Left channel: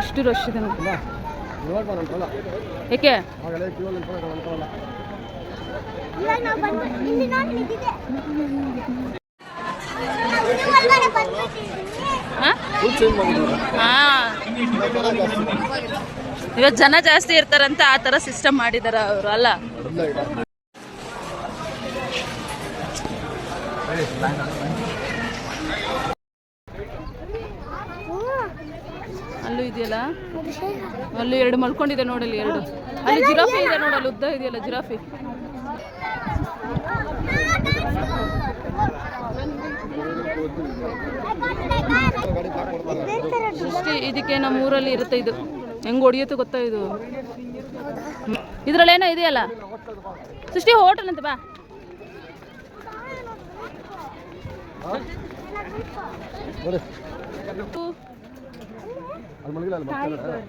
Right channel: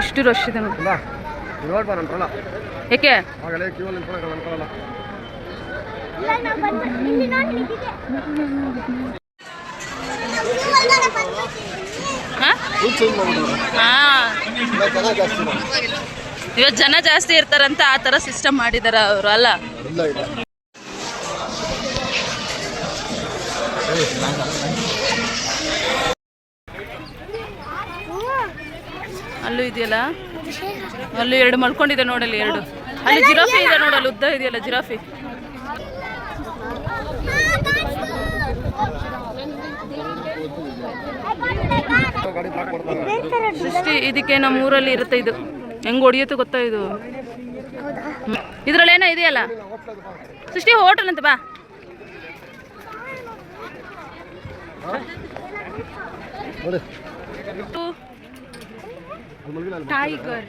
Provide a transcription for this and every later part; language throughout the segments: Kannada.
ಇಷ್ಟು ರಶ್ ಇದೆ ನೋಡಿ. ಏಕೆ ಇವತ್ತು ಜನ ಜಾಸ್ತಿ ಇರ್ತಾರಂತ ಆ ಥರ ಸಿಸ್ಟಮ್ ಮಾಡಿದಾರ ಅವರು ಅಲ್ಲ. ಅಲ್ಲೂ ಇದೆಯಲ್ಲ, ಅಲ್ಲೂ ಎರಡು ಮಲ್ಕೊಂಡಿದೆ ನೋಡಲ್ಲಿ, ಎರಡು. ಅಲ್ಲಿ ಜಿರಾಫಿ ಇದೆ ನೋಡಲ್ಲಿ, ಉದ್ದ ಇದೆಯಲ್ಲ ಜಿರಾಫಿ. ಸೃಷ್ಟಿ ಇದಕ್ಕೆ ನಮ್ಮ ಊರಲ್ಲಿ ಇರುತ್ತೆ ಇದು. ಹೆಂಗ್ ಹೊಡಿಯುತ್ತೆ ಗೊತ್ತಾ ಇದು? ಇದ್ರಲ್ಲಿ ಏನೋ ಇದೆಯಲ್ಲ ಸೃಷ್ಟಿ, ಹೋಟೆಲ್ ಅಂತ ಬಾ. ಟೈಗರ್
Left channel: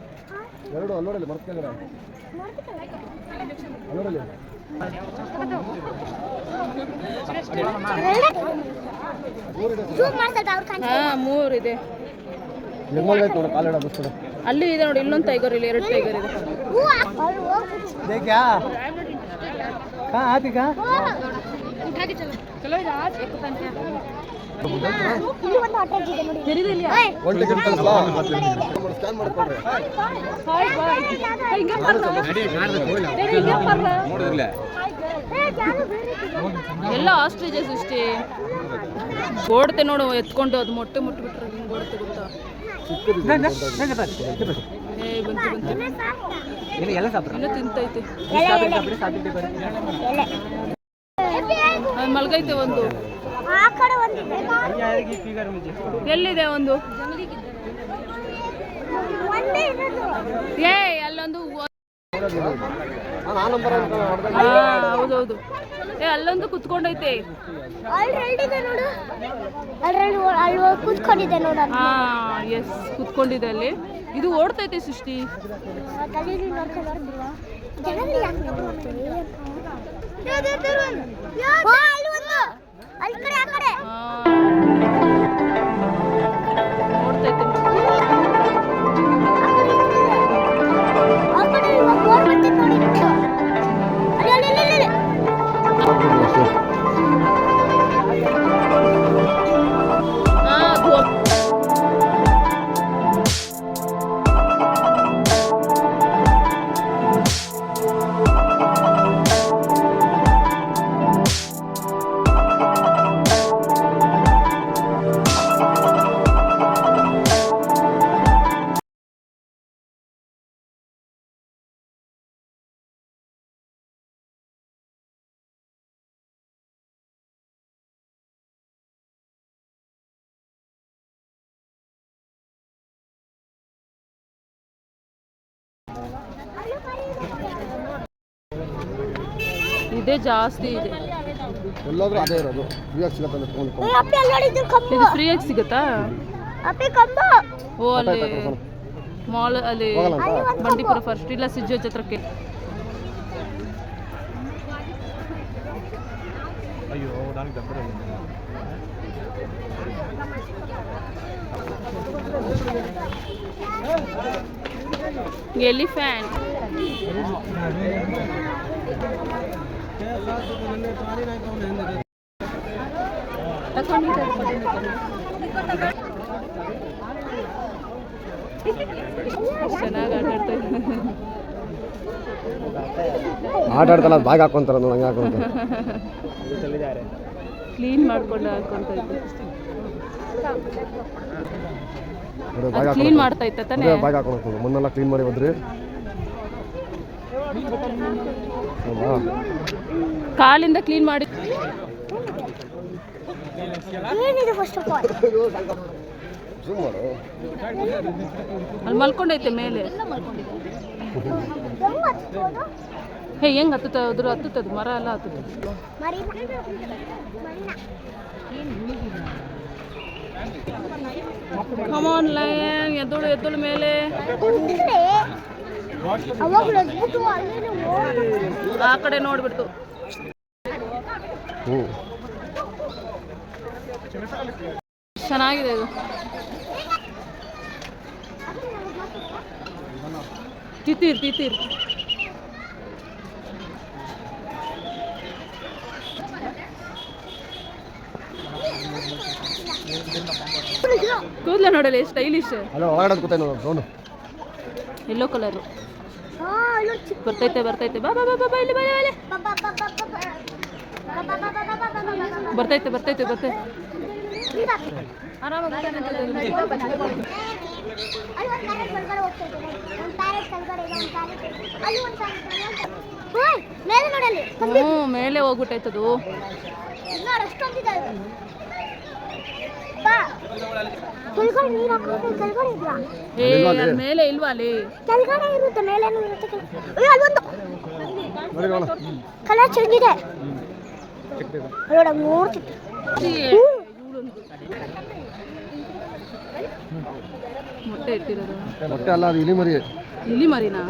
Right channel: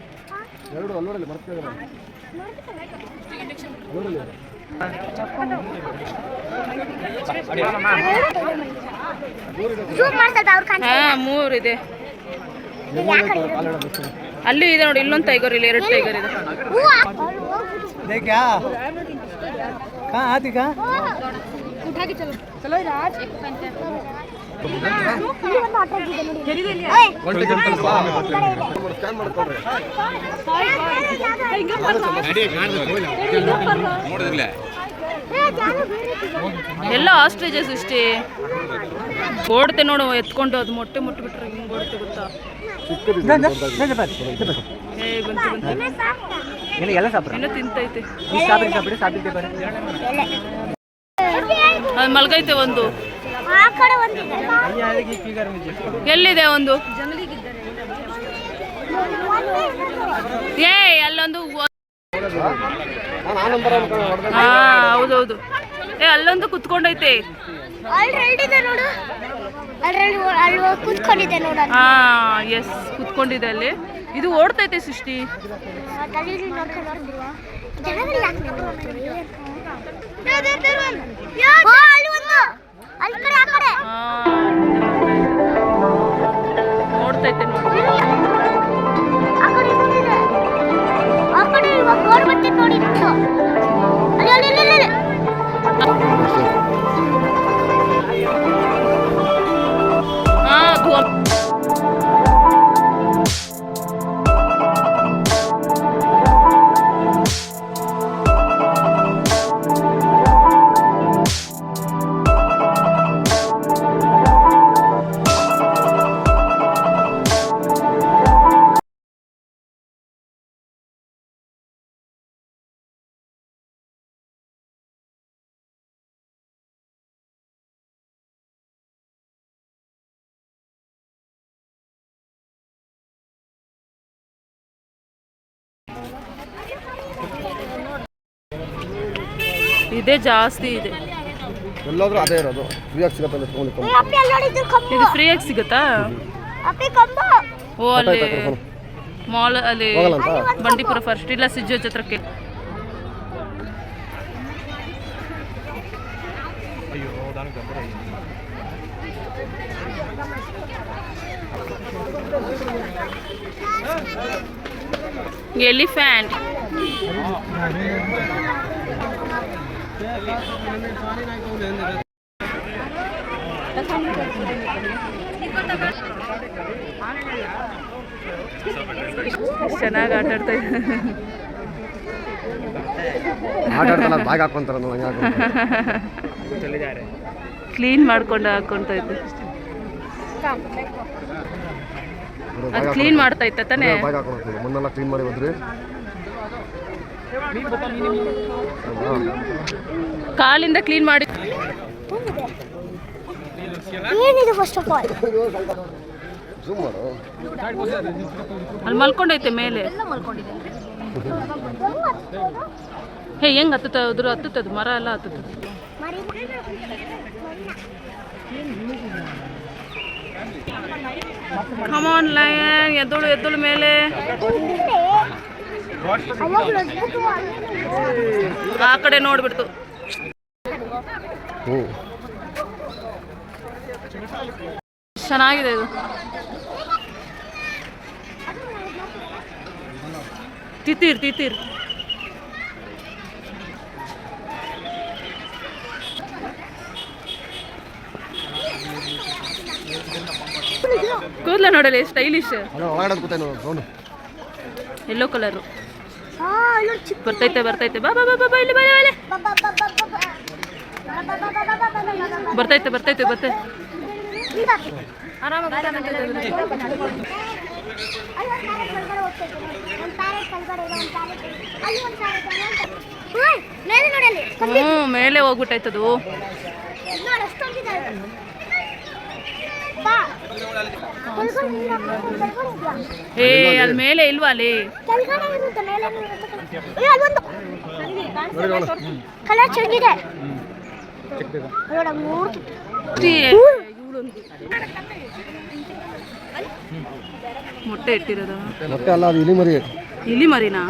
ಮೂರಿದೆ. ಅಲ್ಲೂ ಇದೆ ನೋಡಿ, ಇಲ್ಲೊಂದು ಟೈಗರ್, ಇಲ್ಲಿ ಎರಡು ಟೈಗರ್ ಇದೆ. ಎಲ್ಲ ಆಸ್ಟ್ರೇಜ್ ಸೃಷ್ಟಿ ಓಡುತ್ತೆ ನೋಡು, ಎತ್ಕೊಂಡು ಅದು ಮೊಟ್ಟೆ ಮುಟ್ಟಿಬಿಟ್ರೆ ಹಿಂಗೆ ಓಡುತ್ತೆ ಗೊತ್ತಾ? ಬಂತು ಏನೋ ತಿಂತೈತೆ, ಅದು ಮಲ್ಗೈತೆ. ಒಂದು ಎಲ್ಲಿದೆ ಒಂದು? ಅಲ್ಲೊಂದು. ಹಾ ಹೌದೌದು, ಅಲ್ಲೊಂದು ಕುತ್ಕೊಂಡೈತೆ. ಹಾ ಎಸ್, ಕುತ್ಕೊಂಡಿದೆ ಅಲ್ಲಿ. ಇದು ಓಡ್ತೈತೆ ಸೃಷ್ಟಿ. ಓಡ್ತೈತೆ ನೋಡಿ. ಇದೇ ಜಾಸ್ತಿ ಇದೆ. ಇದು ಫ್ರೀಯಾಗಿ ಸಿಗುತ್ತಾ? ಓ ಅಲ್ಲಿ ಮಾಲ್ ಅಲ್ಲಿ ಬಂಡೀಪುರ ಫಸ್ಟ್, ಇಲ್ಲ ಸಿಜ್ಜು ಛತ್ರಕ್ಕೆ. ಎಲಿಫೆಂಟ್ ಚೆನ್ನಾಗಿ ಆಟಾಡ್ತಾ ಬ್ಯಾಗ್ ಹಾಕೊಂತಾರ, ಕ್ಲೀನ್ ಮಾಡ್ಕೊಂಡು ಹಾಕೊಂತ ಇದ್ದೆ. ಅದು ಕ್ಲೀನ್ ಮಾಡ್ತಾ ಇತ್ತ ತಾನೇ? ಮುನ್ನೆಲ್ಲ ಕ್ಲೀನ್ ಮಾಡಿ ಬಂದ್ರಿ. ಕಾಲಿಂದ ಕ್ಲೀನ್ ಮಾಡಿ. ಅಲ್ಲಿ ಮಲ್ಕೊಂಡೈತೆ ಮೇಲೆ. ಹೇ ಹೆಂಗ್ ಹತ್ತುತ್ತದು? ಹತ್ತುತ್ತದು ಮರ ಎಲ್ಲ ಹತ್ತುತ್ತದೆ. Come on lion, ಎದ್ದಳು ಮೇಲೆ. ಆ ಕಡೆ ನೋಡ್ಬಿಡ್ತು. ಚೆನ್ನಾಗಿದೆ ಇದು. ತಿತ್ತೀರ್ ತಿತ್ತೀರ್. ಕೂದಲ ನೋಡಲಿ ಸ್ಟೈಲಿಶ್. ಯೆಲ್ಲೋ ಕಲರು ಬರ್ತೈತೆ ಬರ್ತೈತೆ. ಬಾ ಬಾ ಬಾ ಬಾ ಇಲ್ಲಿ ಬಾ ಇಲ್ಲಿ ಬರ್ತೈತೆ ಬರ್ತೈತೆ ಬರ್ತೈತೆ. ಆರಾಮಾಗಿ ಮೇಲೆ ಹೋಗ್ಬಿಟ್ಟೈತದು. ಏ ಅಲ್ಲಿ ಮೇಲೆ ಇಲ್ವಾ ಅಲ್ಲಿ ಮೊಟ್ಟೆ ಇಟ್ಟಿರೋದು. ಮೊಟ್ಟೆ ಅಲ್ಲ, ಅದು ಇಲಿ ಮರಿ. ಇಲಿ ಮರಿನಾ?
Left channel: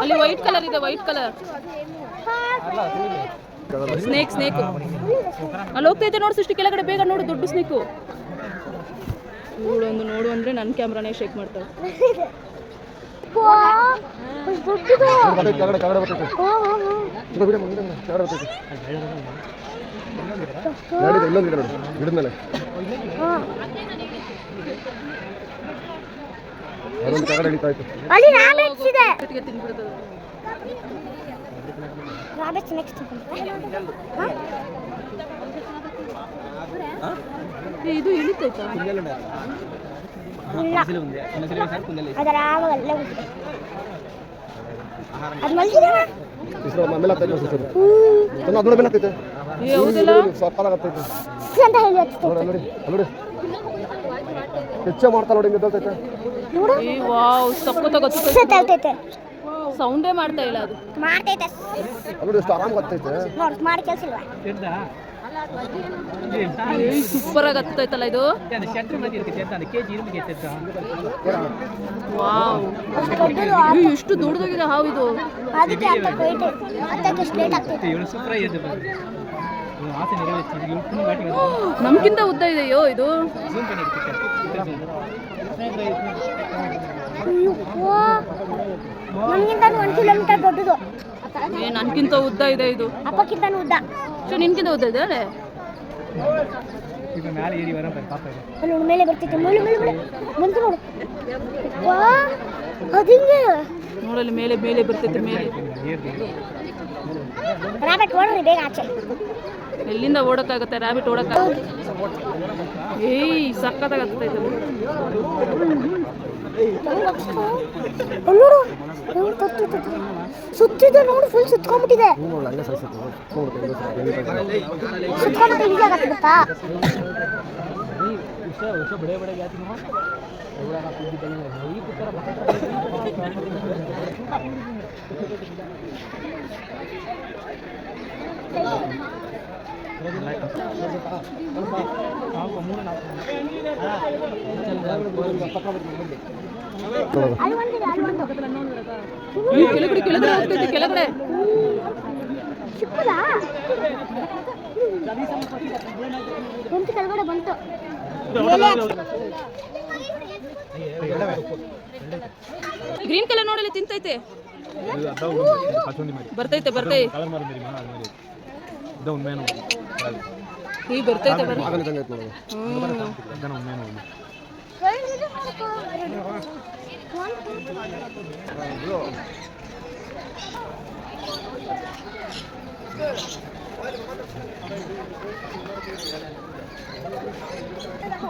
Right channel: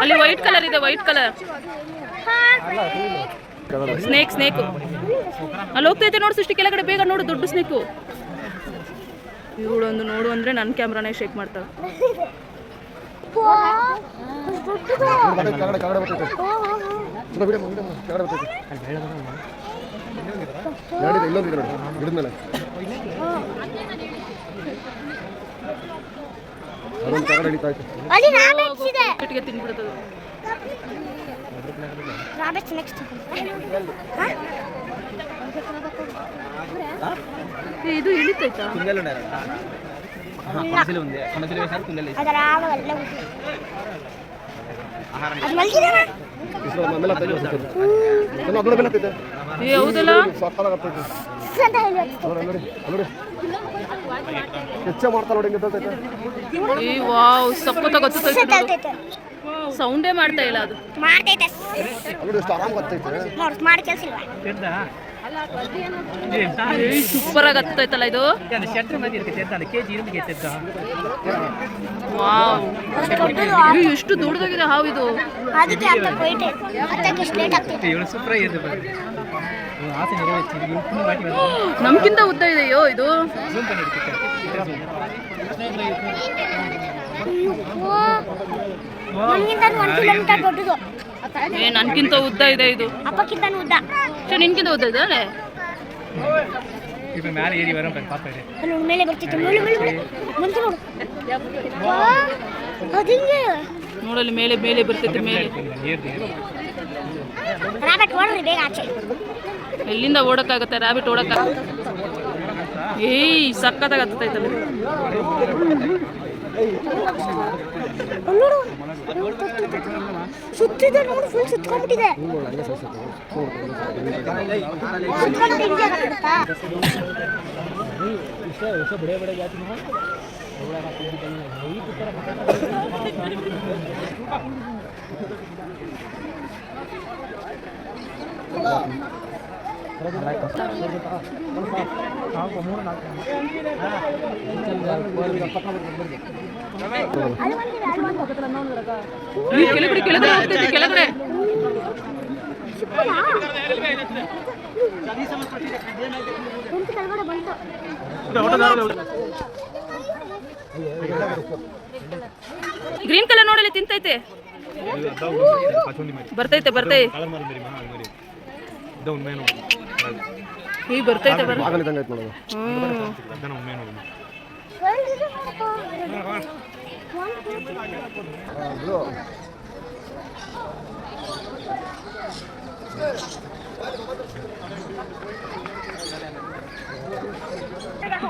ಅಲ್ಲಿ ವೈಟ್ ಕಲರ್ ಇದೆ, ವೈಟ್ ಕಲರ್ ಸ್ನೇಕ್. ಸ್ನೇಕು ಅಲ್ಲಿ ಹೋಗ್ತೈತೆ ನೋಡು ಸೃಷ್ಟಿ ಕೆಳಗಡೆ. ಬೇಗ ನೋಡು, ದೊಡ್ಡ ಸ್ನೇಕು. ಇವಳೊಂದು ನೋಡು ಅಂದ್ರೆ ನನ್ನ ಕ್ಯಾಮ್ರಾನೇ ಶೇಕ್ ಮಾಡ್ತಾಳೆ. ತಿನ್ಬಿಡ್ತದೆ. ಇದು ಇಳಿತೈತಾ? ಹೌದಲ್ಲ, ವಾವ್ ಸಖತ್ತಾಗತ್ತೆ. ಸೌಂಡೇ ಮಾಡ್ತಾ ಇಲ್ಲ ಅದು. ಸೂಪರ್ ಆಗಿ ಹತ್ತೈತಲ್ಲ ಇದು. ವಾವ್, ಎಷ್ಟು ದೊಡ್ಡದಾಗಿದೆ ಹಾವು ಇದು. ನಮ್ಗಿಂತ ಉದ್ದ ಇದೆಯೋ ಇದು. ಏ ನನ್ಗಿಂತ ಉದ್ದ ಇದೆ ಇದು. ನಿನ್ಗಿಂತ ಉದ್ದ ಇದೆ ಅಲ್ಲೇ. ಮೇಲೆ ಬರ್ತಿತ್ತು ನೋಡಲ್ಲಿ ಮೇಲೆ ಮೇಲೆ ಬರ್ತೈತೆ ಮೇಲೆ. ಎಲ್ಲಿಂದ ಓಡಕ್ಕಾಗತ್ತೆ ರ್ಯಾಬಿಟ್? ಓಡಕ್ಕ ಏಯ್ ಸಕ್ಕತ್ತಾಗ ಹತ್ತೈತಲ್ಲ. ಸುತ್ತಿದೆ ನೋಡಿ, ಫುಲ್ ಸುತ್ಕೊಂಡ್ಬಿಟ್ಟಿದೆ. ಕೆಳಗಡೆ ಕೆಳಗಡೆ ಹೋಗ್ತೈತಿ, ಕೆಳಗಡೆ. ಗ್ರೀನ್ ಕಲರ್ ನೋಡಲಿ ತಿಂತೈತೆ. ಬರ್ತೈತೆ ಬರ್ತೈತೆ ಈಗ ಬರ್ತೈತೆ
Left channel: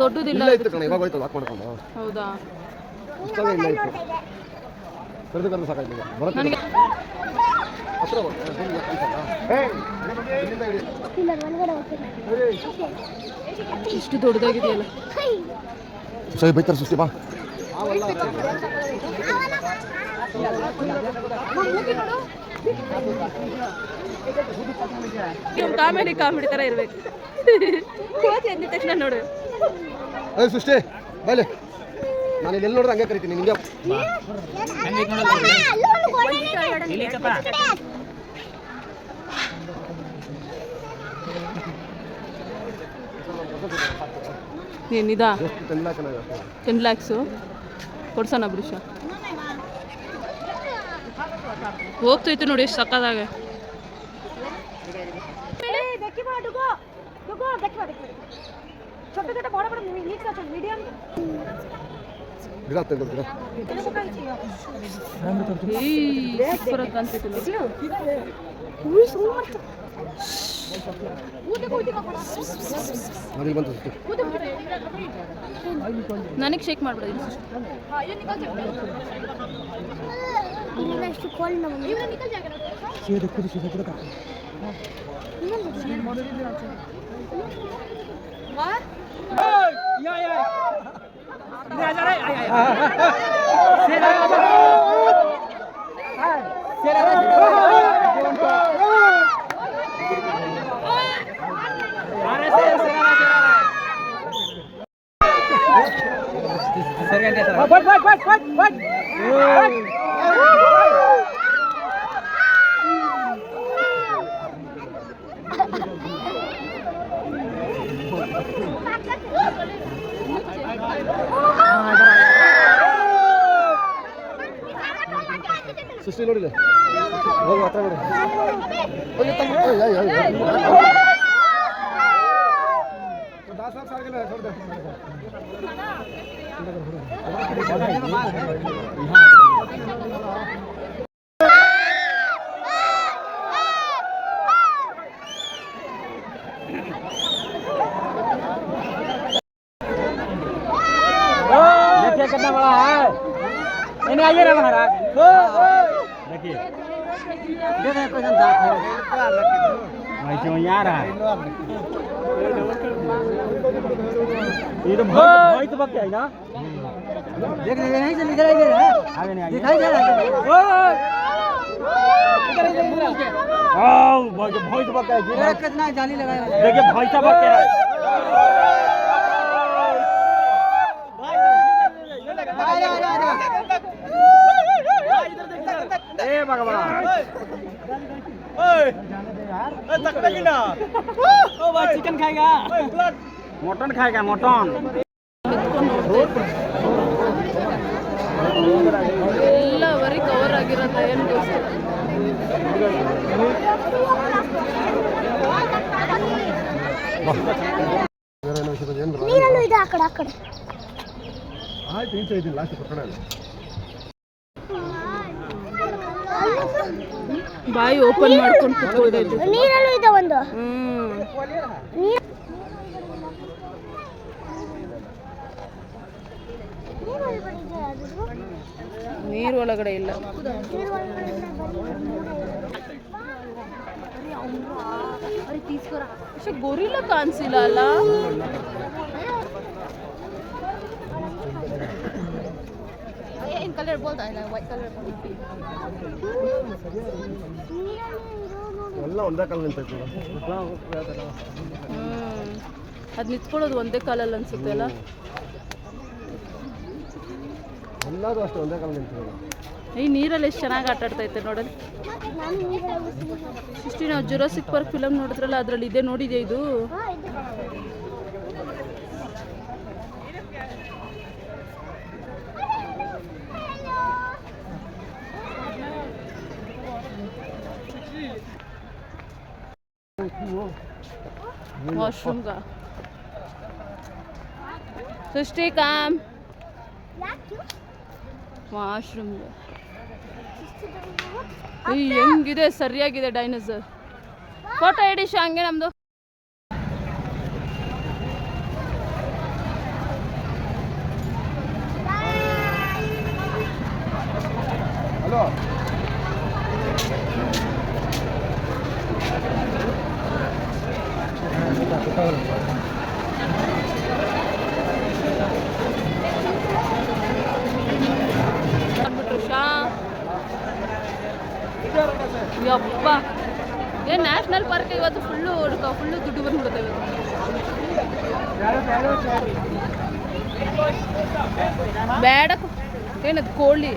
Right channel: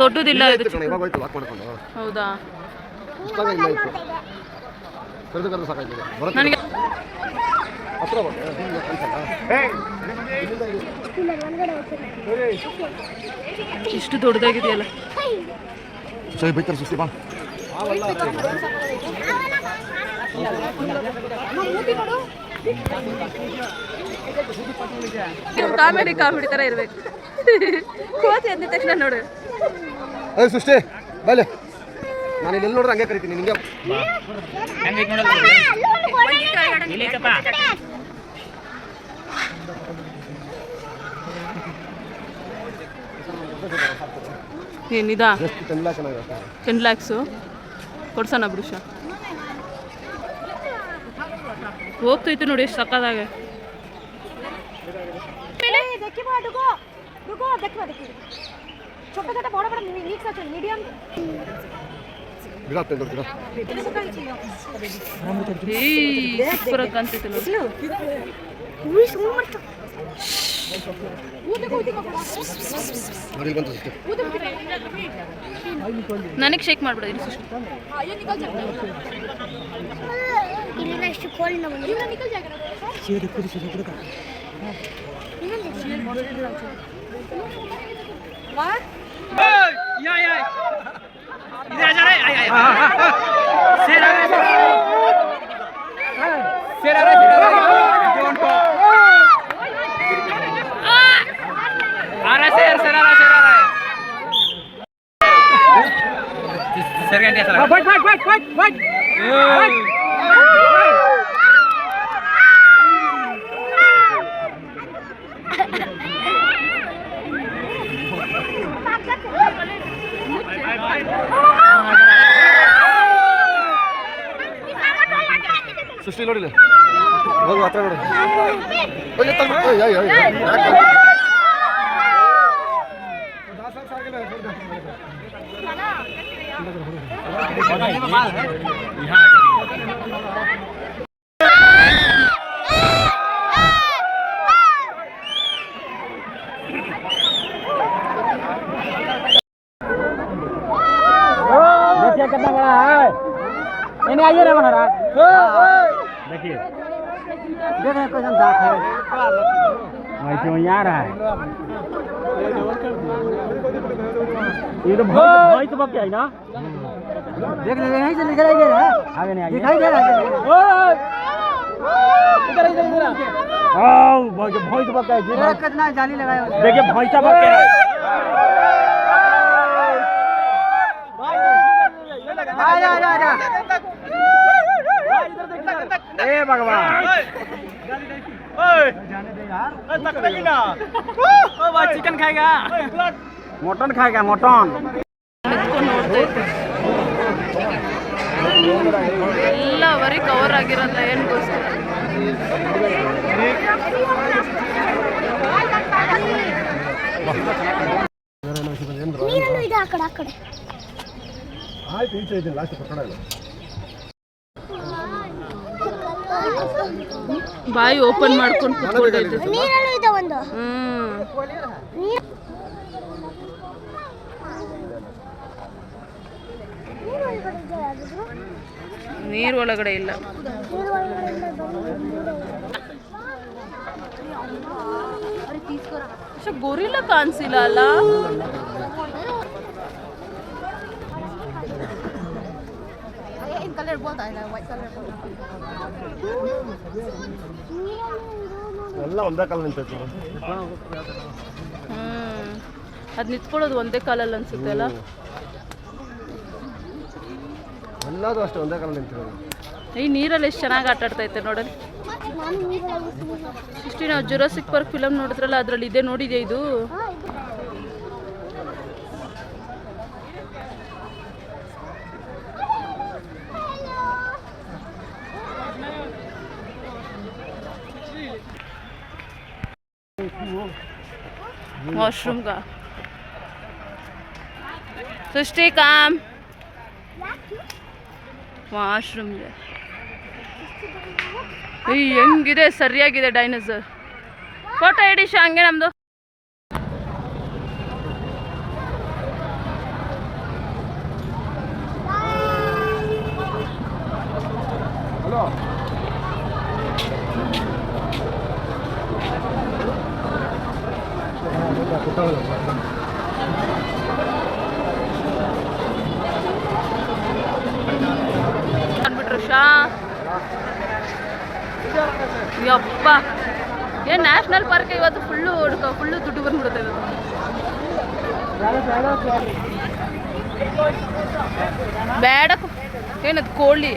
ದೊಡ್ಡದಿಲ್ಲ. ಹೌದಾ? ನನಗೆ ಇಷ್ಟು ದೊಡ್ಡದಾಗಿದೆಯಲ್ಲ. ಕಾಮಿಡಿ ಕಾಮಿಡಿ ತರ ಇರ್ಬೇಕು. ಕೋತಿ ಅಂದಿದ ತಕ್ಷಣ ನೋಡು. ಸೃಷ್ಟಿ ಬಲೆ, ನಾನು ಇಲ್ಲಿ ನೋಡ್ರೆ ಹಂಗೆ ಕರಿತೀನಿ ನಿಂಗೆ. ಏನಿದಾ ಎಷ್ಟು 10 ಲ್ಯಾಕ್ 10 ಲ್ಯಾಕ್ಸು ಕೊಡ್ಸೋಣ ಬೃಷ ಹೋಗ್ತೈತೆ ನೋಡಿ ಎಷ್ಟು ಸಕ್ಕದಾಗ ಗಿಡ ತಂದು ಗಿಡ ಸೂಪರಾಗಿ ಕಾಣ್ತೈತೆ ನೋಡಿ ನೋಡಿ ಬಂತು ಸೃಷ್ಟಿ ನನಗೆ ಶೇಕ್ ಮಾಡ್ಬಿಡ ಇಲ್ಲ ಎಷ್ಟು ಕೋಲ್ ನಾವು ಸೃಷ್ಟಿ ನೋಡಿಲ್ಲ ಹೋಗು ಹತ್ರ ನೋಡು कितना बड़ा है नहीं आइए ना महाराज देखिए दो में पसंद दांत है भाई क्यों यार है ये तो भाई तो बक ना देख रहे हैं चल इधर इधर आगे नहीं आइए दिखाई दे रहा है इधर इधर आओ भाई तो बक है कितना जाली लगाया देखिए भाई का बक है भगवान जाने दे यार भाई चिकन खाएगा मटन खाएगा मटन ಎಲ್ಲ ವರಿ ಕವರ್ ಆಗಿರಲ್ಲ ಏನು ಗೊತ್ತಿಲ್ಲ ನೀರಲ್ಲೂ ಇದೆ ಆ ಕಡೆ ಆಯ್ತು ಇಂಚೆ ಇದೆ ಲಾಸ್ಟ್ ಕೊಟ್ಟಲ್ಲ ಬಾಯಿ ಓಪನ್ ಮಾಡ್ಕೊಂಡು ಕುತ್ಕೊಳ್ತೈತೆ ನೀರಲ್ಲೂ ಇದೆ ಒಂದು ನೀರು ಒಳಗಡೆ ಇಲ್ಲ പക്ഷെ ಗೊರಿಲ್ಲ ಕಾಣಿಸಿಲ್ಲ ಅಲ್ಲ ಎಲ್ಲ ಒಂದೇ ಕಾಲ ನಿಂತೈತಿ ಅದು ನಿಂತ್ಕೊಳ್ಳೋದು ಒಂದೇ ಕಾಲಲ್ಲಿ ಅನ್ಸುತ್ತೆ ಅಲ್ಲ ಎಲ್ಲಾದ್ರೂ ಅಷ್ಟೇ ಒಂದೇ ಕಾಲ ನಿಂತಿರೋದು ಈ ನೀರಲ್ಲಿ ಎಷ್ಟು ಚೆನ್ನಾಗಿ ಆಟ ಆಡ್ತೈತೆ ನೋಡಲಿ ಇಷ್ಟು ನಾವು ಜುರಾಸಿಕ್ ಪಾರ್ಕ್ ಫಿಲಮ್ ನೋಡಿದ್ರಲ್ಲ ಅದರಲ್ಲಿ ಇದೆ ನೋಡಿದೆ ಇದು वॉशरूम का सृष्टि काम ವಾಶ್ರೂಮ್ ಇದೆ ಹೆಂಗಿದೆ ಸರಿಯಾಗಿದೆ ಡೈನೋಸರ್ ಫೋಟೋ ಹಿಡಿ ಹಂಗೆ ನಮ್ದು ಯಪ್ಪ ಏನು ನ್ಯಾಷನಲ್ ಪಾರ್ಕ್ ಇವತ್ತು ಫುಲ್ಲು ದುಡ್ಡು ಬಂದ್ಬಿಡುತ್ತೆ ಇವತ್ತು ಬೇಡ ಏನದು ಕೋಳಿ